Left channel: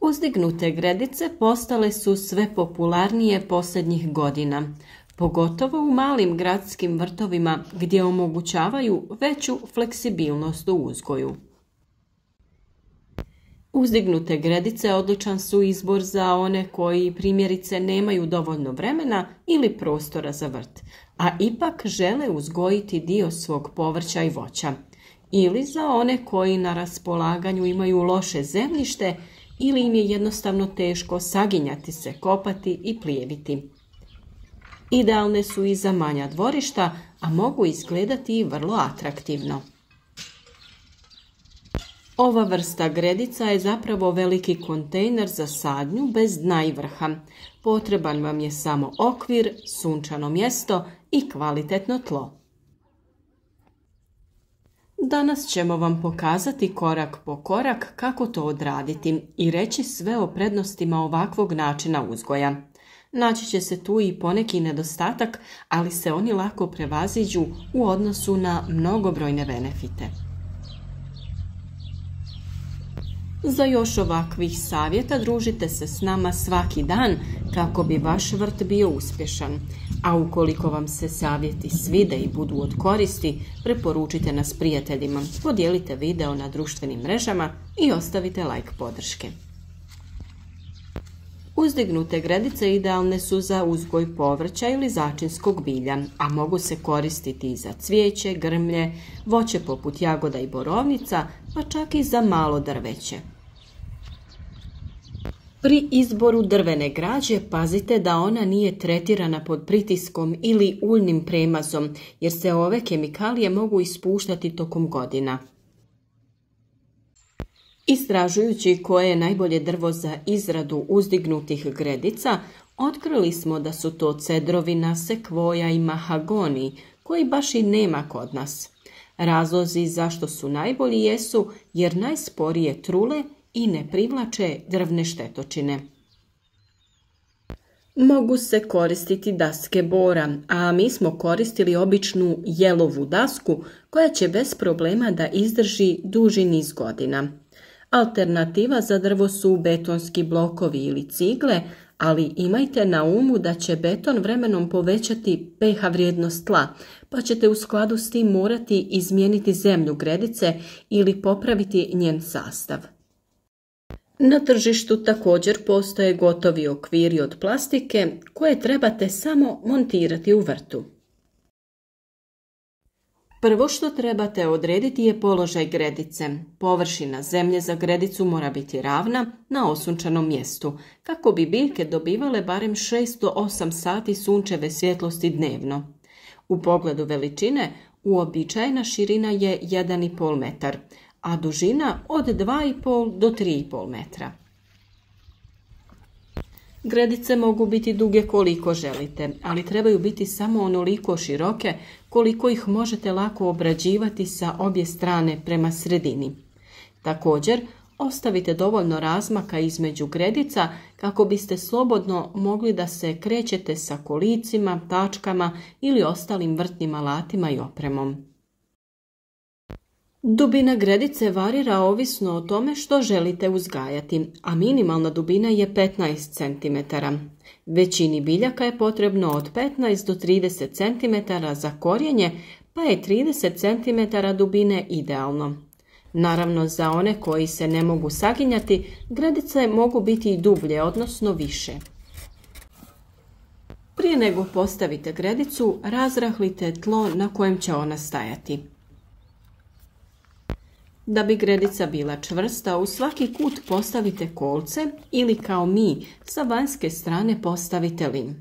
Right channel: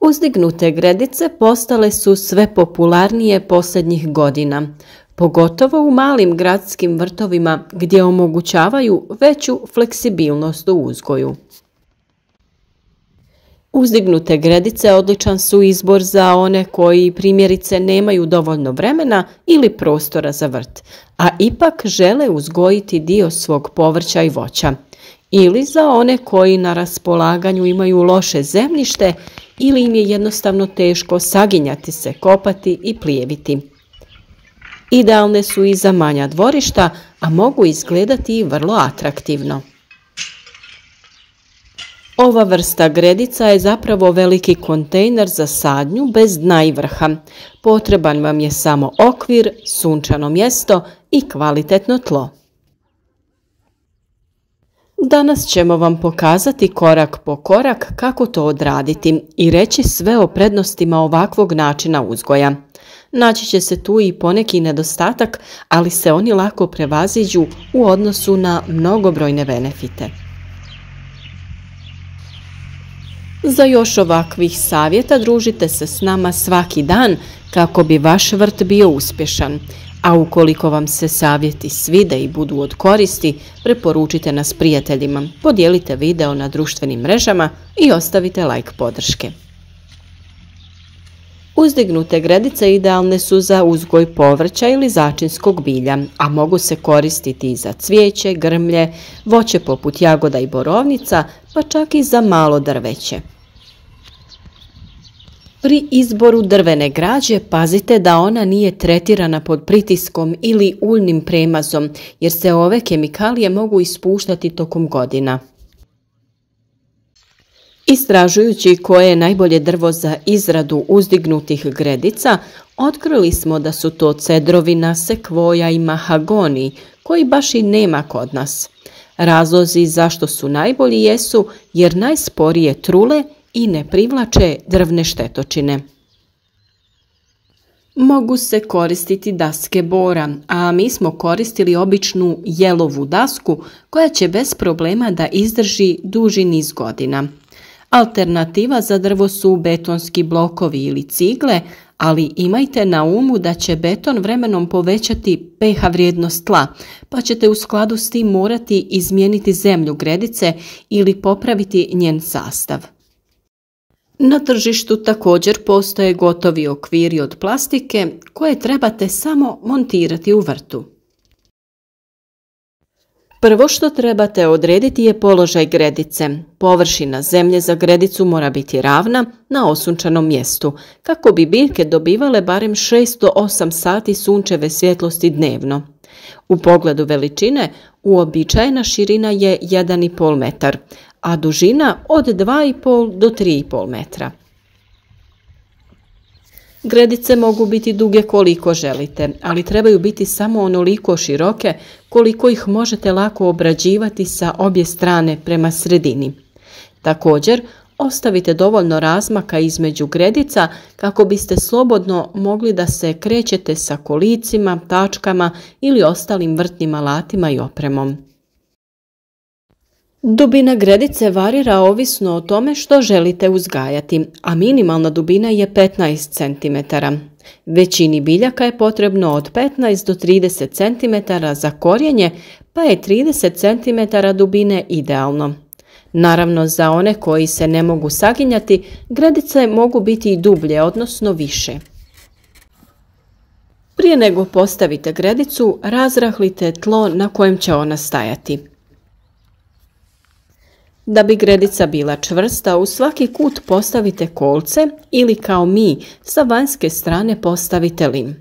Uzdignute gredice postale su sve popularnije posljednjih godina, pogotovo u malim gradskim vrtovima gdje omogućavaju veću fleksibilnost u uzgoju. Uzdignute gredice odličan su izbor za one koji primjerice nemaju dovoljno vremena ili prostora za vrt, a ipak žele uzgojiti dio svog povrća i voća, ili za one koji na raspolaganju imaju loše zemljište ili im je jednostavno teško saginjati se, kopati i plijeviti. Idealne su i za manja dvorišta, a mogu izgledati i vrlo atraktivno. Ova vrsta gredica je zapravo veliki kontejner za sadnju bez dna i vrha. Potreban vam je samo okvir, sunčano mjesto i kvalitetno tlo. Danas ćemo vam pokazati korak po korak kako to odraditi i reći sve o prednostima ovakvog načina uzgoja. Naći će se tu i poneki nedostatak, ali se oni lako prevaziđu u odnosu na mnogobrojne benefite. Za još ovakvih savjeta družite se s nama svaki dan kako bi vaš vrt bio uspješan. A ukoliko vam se savjeti svide i budu od koristi, preporučite nas prijateljima, podijelite video na društvenim mrežama i ostavite like podrške. Uzdignute gredice idealne su za uzgoj povrća ili začinskog bilja, a mogu se koristiti i za cvijeće, grmlje, voće poput jagoda i borovnica, pa čak i za malo drveće. Pri izboru drvene građe pazite da ona nije tretirana pod pritiskom ili uljnim premazom, jer se ove kemikalije mogu ispuštati tokom godina. Istražujući koje je najbolje drvo za izradu uzdignutih gredica, otkrili smo da su to cedrovina, sekvoja i mahagoni, koji baš i nema kod nas. Razlozi zašto su najbolji jesu jer najsporije trule i ne privlače drvne štetočine. Mogu se koristiti daske bora, a mi smo koristili običnu jelovu dasku koja će bez problema da izdrži duži niz godina. Alternativa za drvo su betonski blokovi ili cigle, ali imajte na umu da će beton vremenom povećati pH vrijednost tla, pa ćete u skladu s tim morati izmijeniti zemlju gredice ili popraviti njen sastav. Na tržištu također postoje gotovi okviri od plastike koje trebate samo montirati u vrtu. Prvo što trebate odrediti je položaj gredice. Površina zemlje za gredicu mora biti ravna na osunčanom mjestu, kako bi biljke dobivale barem 6 do 8 sati sunčeve svjetlosti dnevno. U pogledu veličine, uobičajena širina je 1,5 metar, a dužina od 2,5 do 3,5 metra. Gredice mogu biti duge koliko želite, ali trebaju biti samo onoliko široke koliko ih možete lako obrađivati sa obje strane prema sredini. Također, ostavite dovoljno razmaka između gredica kako biste slobodno mogli da se krećete sa kolicima, tačkama ili ostalim vrtnim alatima i opremom. Dubina gredice varira ovisno o tome što želite uzgajati, a minimalna dubina je 15 cm. Većini biljaka je potrebno od 15 do 30 cm za korijenje, pa je 30 cm dubine idealno. Naravno, za one koji se ne mogu saginjati, gredice mogu biti i dublje, odnosno više. Prije nego postavite gredicu, razrahlite tlo na kojem će ona stajati. Da bi gredica bila čvrsta, u svaki kut postavite kolce ili kao mi, sa vanjske strane postavite lim.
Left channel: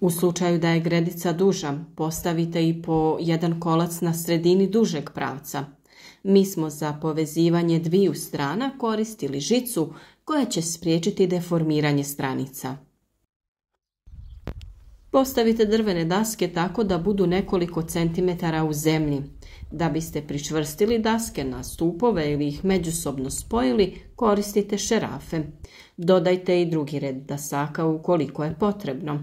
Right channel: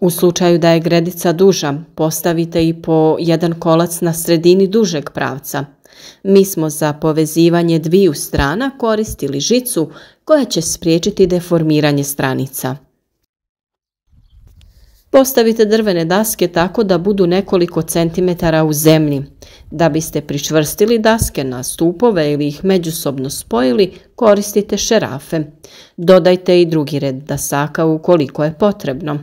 U slučaju da je gredica duža, postavite i po jedan kolac na sredini dužeg pravca. Mi smo za povezivanje dviju strana koristili žicu koja će spriječiti deformiranje stranica. Postavite drvene daske tako da budu nekoliko centimetara u zemlji. Da biste pričvrstili daske na stupove ili ih međusobno spojili, koristite šerafe. Dodajte i drugi red dasaka ukoliko je potrebno.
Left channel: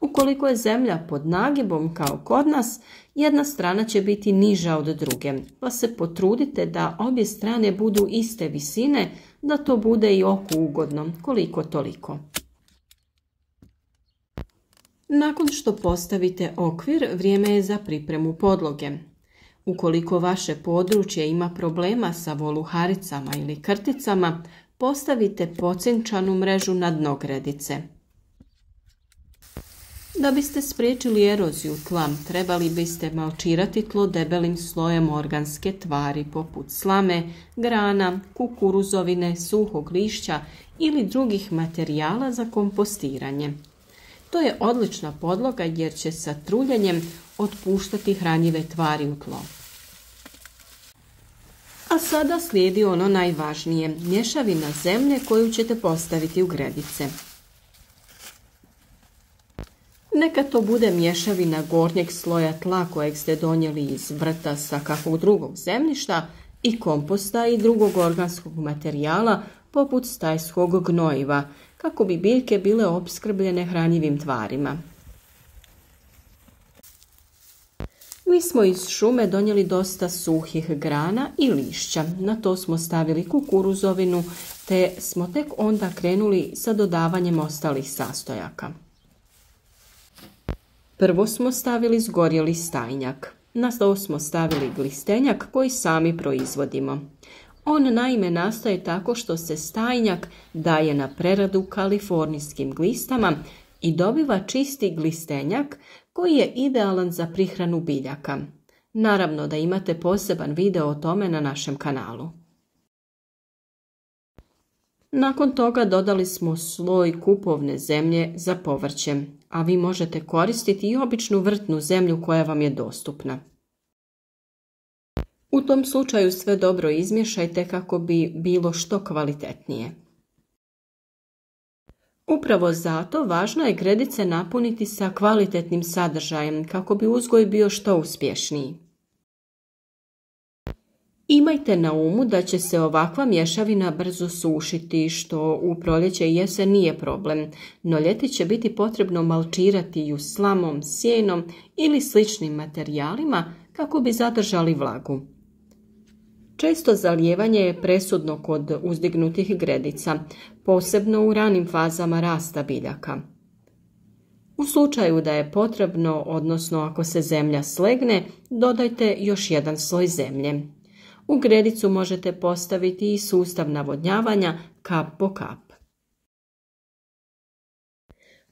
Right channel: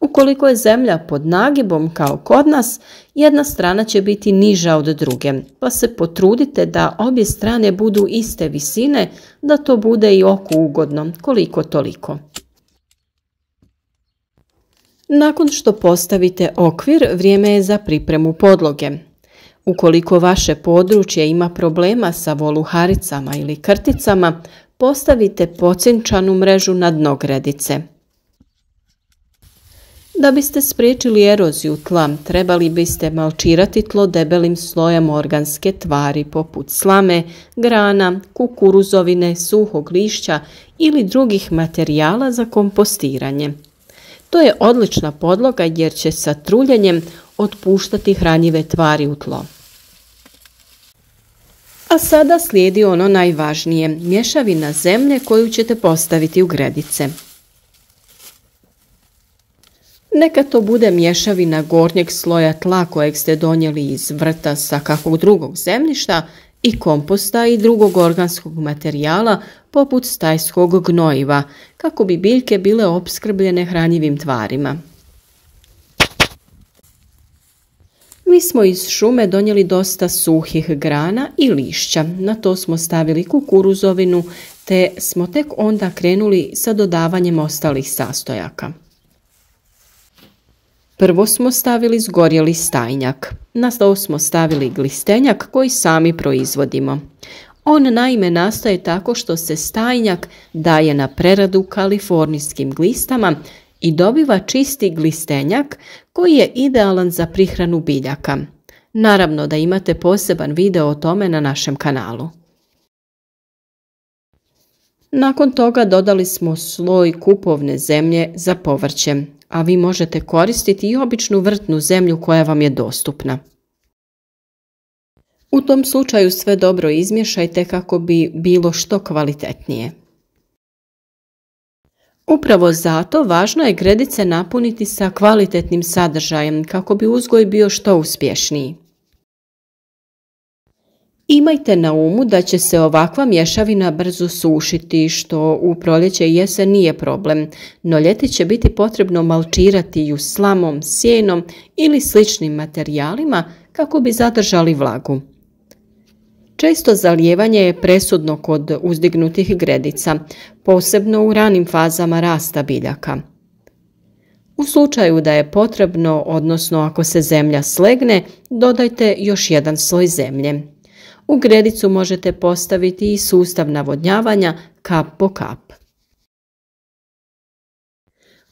Ukoliko je zemlja pod nagibom kao kod nas, jedna strana će biti niža od druge, pa se potrudite da obje strane budu iste visine, da to bude i oku ugodno, koliko toliko. Nakon što postavite okvir, vrijeme je za pripremu podloge. Ukoliko vaše područje ima problema sa voluharicama ili krticama, postavite pocinčanu mrežu na dno gredice. Da biste spriječili eroziju tla, trebali biste malčirati tlo debelim slojem organske tvari poput slame, grana, kukuruzovine, suhog lišća ili drugih materijala za kompostiranje. To je odlična podloga jer će sa truljenjem otpuštati hranjive tvari u tlo. A sada slijedi ono najvažnije, mješavina zemlje koju ćete postaviti u gredice. Neka to bude mješavina gornjeg sloja tla kojeg ste donijeli iz vrta sa kakvog drugog zemljišta i komposta i drugog organskog materijala poput stajskog gnojiva, kako bi biljke bile opskrbljene hranjivim tvarima. Mi smo iz šume donijeli dosta suhih grana i lišća, na to smo stavili kukuruzovinu te smo tek onda krenuli sa dodavanjem ostalih sastojaka. Prvo smo stavili zgorjeli stajnjak, na to smo stavili glistenjak koji sami proizvodimo. On naime nastaje tako što se stajnjak daje na preradu kalifornijskim glistama i dobiva čisti glistenjak koji je idealan za prihranu biljaka. Naravno da imate poseban video o tome na našem kanalu. Nakon toga dodali smo sloj kupovne zemlje za povrće, a vi možete koristiti i običnu vrtnu zemlju koja vam je dostupna. U tom slučaju sve dobro izmiješajte kako bi bilo što kvalitetnije. Upravo zato važno je gredice napuniti sa kvalitetnim sadržajem kako bi uzgoj bio što uspješniji. Imajte na umu da će se ovakva mješavina brzo sušiti, što u proljeće i jesen nije problem, no ljeti će biti potrebno malčirati ju slamom, sjenom ili sličnim materijalima kako bi zadržali vlagu. Često zalijevanje je presudno kod uzdignutih gredica, posebno u ranim fazama rasta biljaka. U slučaju da je potrebno, odnosno ako se zemlja slegne, dodajte još jedan sloj zemlje. U gredicu možete postaviti i sustav navodnjavanja kap po kap.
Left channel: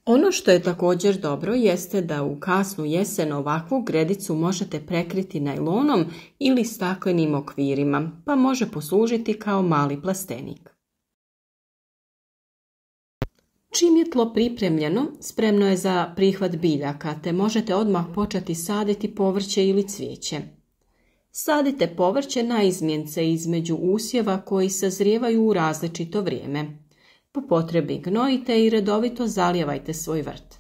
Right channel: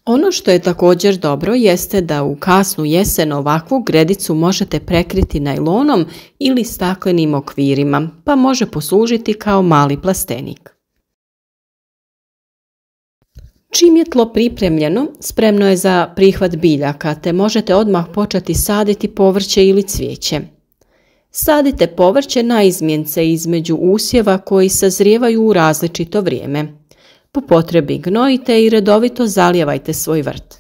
Ono što je također dobro jeste da u kasnu jesen ovakvu gredicu možete prekriti najlonom ili staklenim okvirima, pa može poslužiti kao mali plastenik. Čim je tlo pripremljeno, spremno je za prihvat biljaka, te možete odmah početi saditi povrće ili cvijeće. Sadite povrće na izmjence između usjeva koji sazrijevaju u različito vrijeme. Po potrebi gnojite i redovito zalijevajte svoj vrt.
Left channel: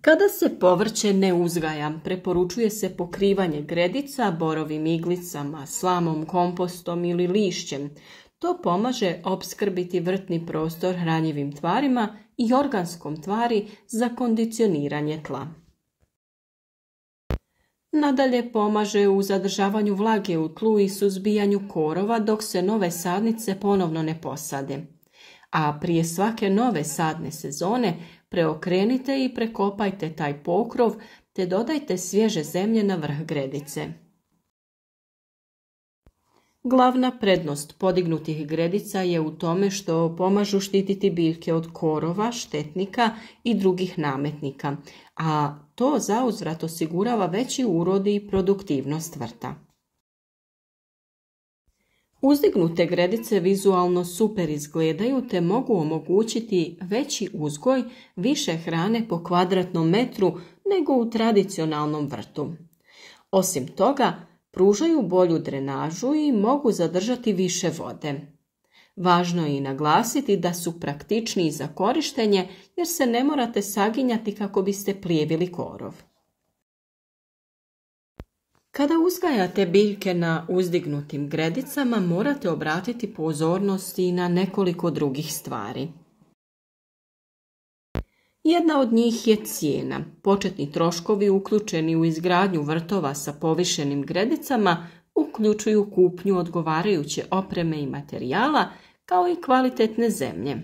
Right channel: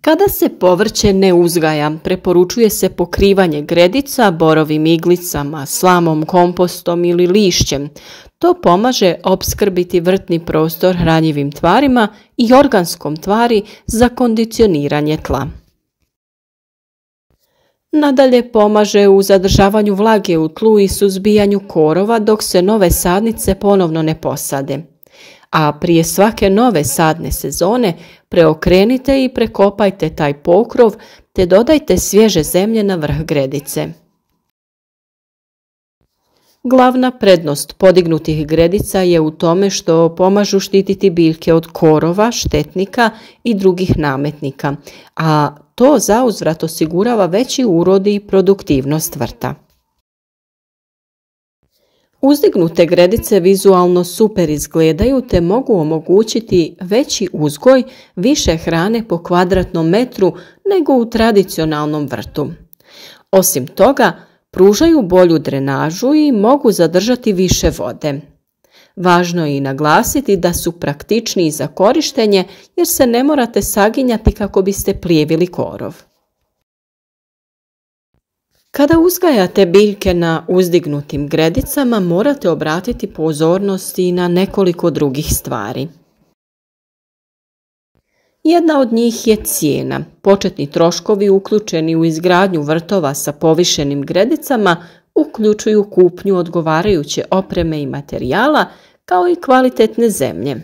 Kada se povrće ne uzgaja, preporučuje se pokrivanje gredica borovim iglicama, slamom, kompostom ili lišćem. To pomaže opskrbiti vrtni prostor hranjivim tvarima i organskom tvari za kondicioniranje tla. Nadalje pomaže u zadržavanju vlage u tlu i suzbijanju korova dok se nove sadnice ponovno ne posade. A prije svake nove sadne sezone preokrenite i prekopajte taj pokrov te dodajte svježe zemlje na vrh gredice. Glavna prednost podignutih gredica je u tome što pomažu štititi biljke od korova, štetnika i drugih nametnika, a to zauzvrat osigurava veći urod i produktivnost vrta. Uzdignute gredice vizualno super izgledaju te mogu omogućiti veći uzgoj, više hrane po kvadratnom metru nego u tradicionalnom vrtu. Osim toga, pružaju bolju drenažu i mogu zadržati više vode. Važno je i naglasiti da su praktičniji za korištenje jer se ne morate saginjati kako biste plijevili korov. Kada uzgajate biljke na uzdignutim gredicama morate obratiti pozornost i na nekoliko drugih stvari. Jedna od njih je cijena. Početni troškovi uključeni u izgradnju vrtova sa povišenim gredicama uključuju kupnju odgovarajuće opreme i materijala, kao i kvalitetne zemlje.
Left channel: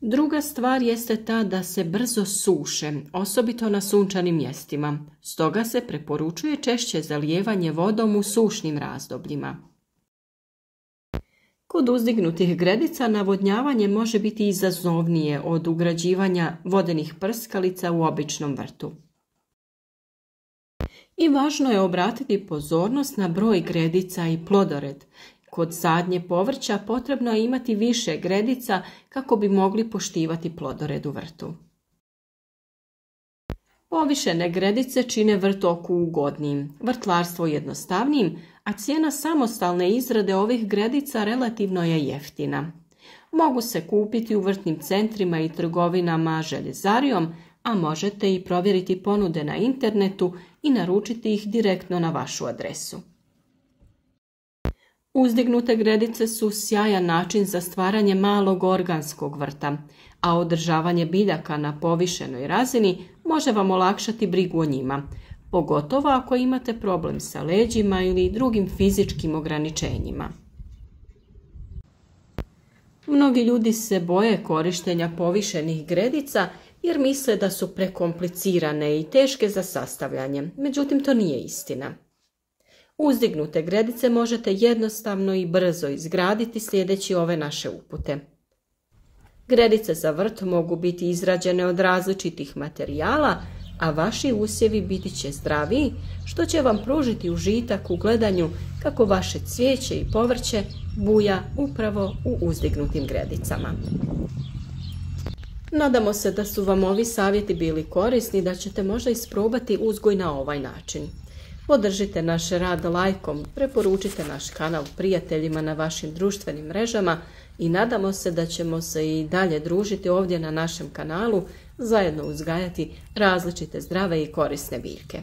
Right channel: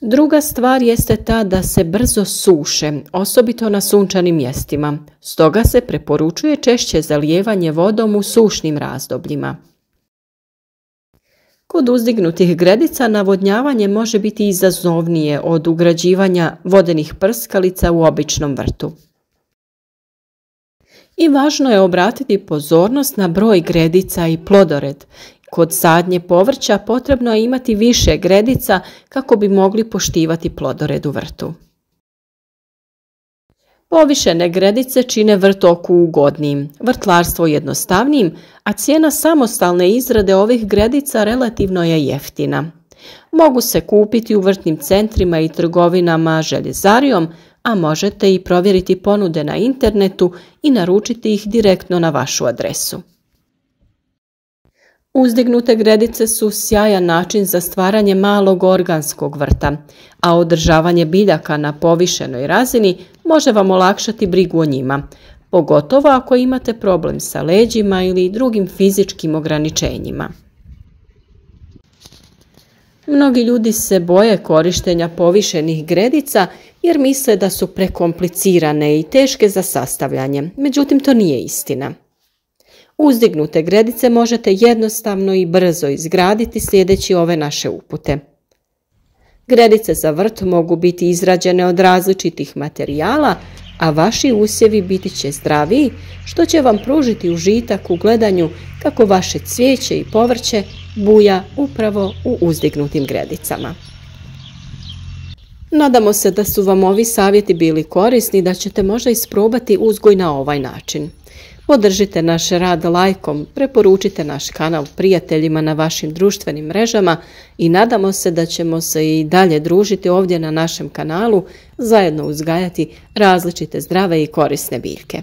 Druga stvar jeste ta da se brzo suše, osobito na sunčanim mjestima. Stoga se preporučuje češće zalijevanje vodom u sušnim razdobljima. Kod uzdignutih gredica navodnjavanje može biti izazovnije od ugrađivanja vodenih prskalica u običnom vrtu. I važno je obratiti pozornost na broj gredica i plodored. Kod sadnje povrća potrebno je imati više gredica kako bi mogli poštivati plodored u vrtu. Povišene gredice čine vrtoku ugodnijim, vrtlarstvo jednostavnijim, a cijena samostalne izrade ovih gredica relativno je jeftina. Mogu se kupiti u vrtnim centrima i trgovinama željezarijom, a možete i provjeriti ponude na internetu i naručiti ih direktno na vašu adresu. Uzdignute gredice su sjajan način za stvaranje malog organskog vrta, a održavanje biljaka na povišenoj razini može vam olakšati brigu o njima, pogotovo ako imate problem sa leđima ili drugim fizičkim ograničenjima. Mnogi ljudi se boje korištenja povišenih gredica jer misle da su prekomplicirane i teške za sastavljanje, međutim to nije istina. Uzdignute gredice možete jednostavno i brzo izgraditi slijedeći ove naše upute. Gredice za vrt mogu biti izrađene od različitih materijala, a vaši usjevi biti će zdraviji, što će vam pružiti užitak u gledanju kako vaše cvijeće i povrće buja upravo u uzdignutim gredicama. Nadamo se da su vam ovi savjeti bili korisni i da ćete možda isprobati uzgoj na ovaj način. Podržite naš rad lajkom, preporučite naš kanal prijateljima na vašim društvenim mrežama i nadamo se da ćemo se i dalje družiti ovdje na našem kanalu, zajedno uzgajati različite zdrave i korisne biljke.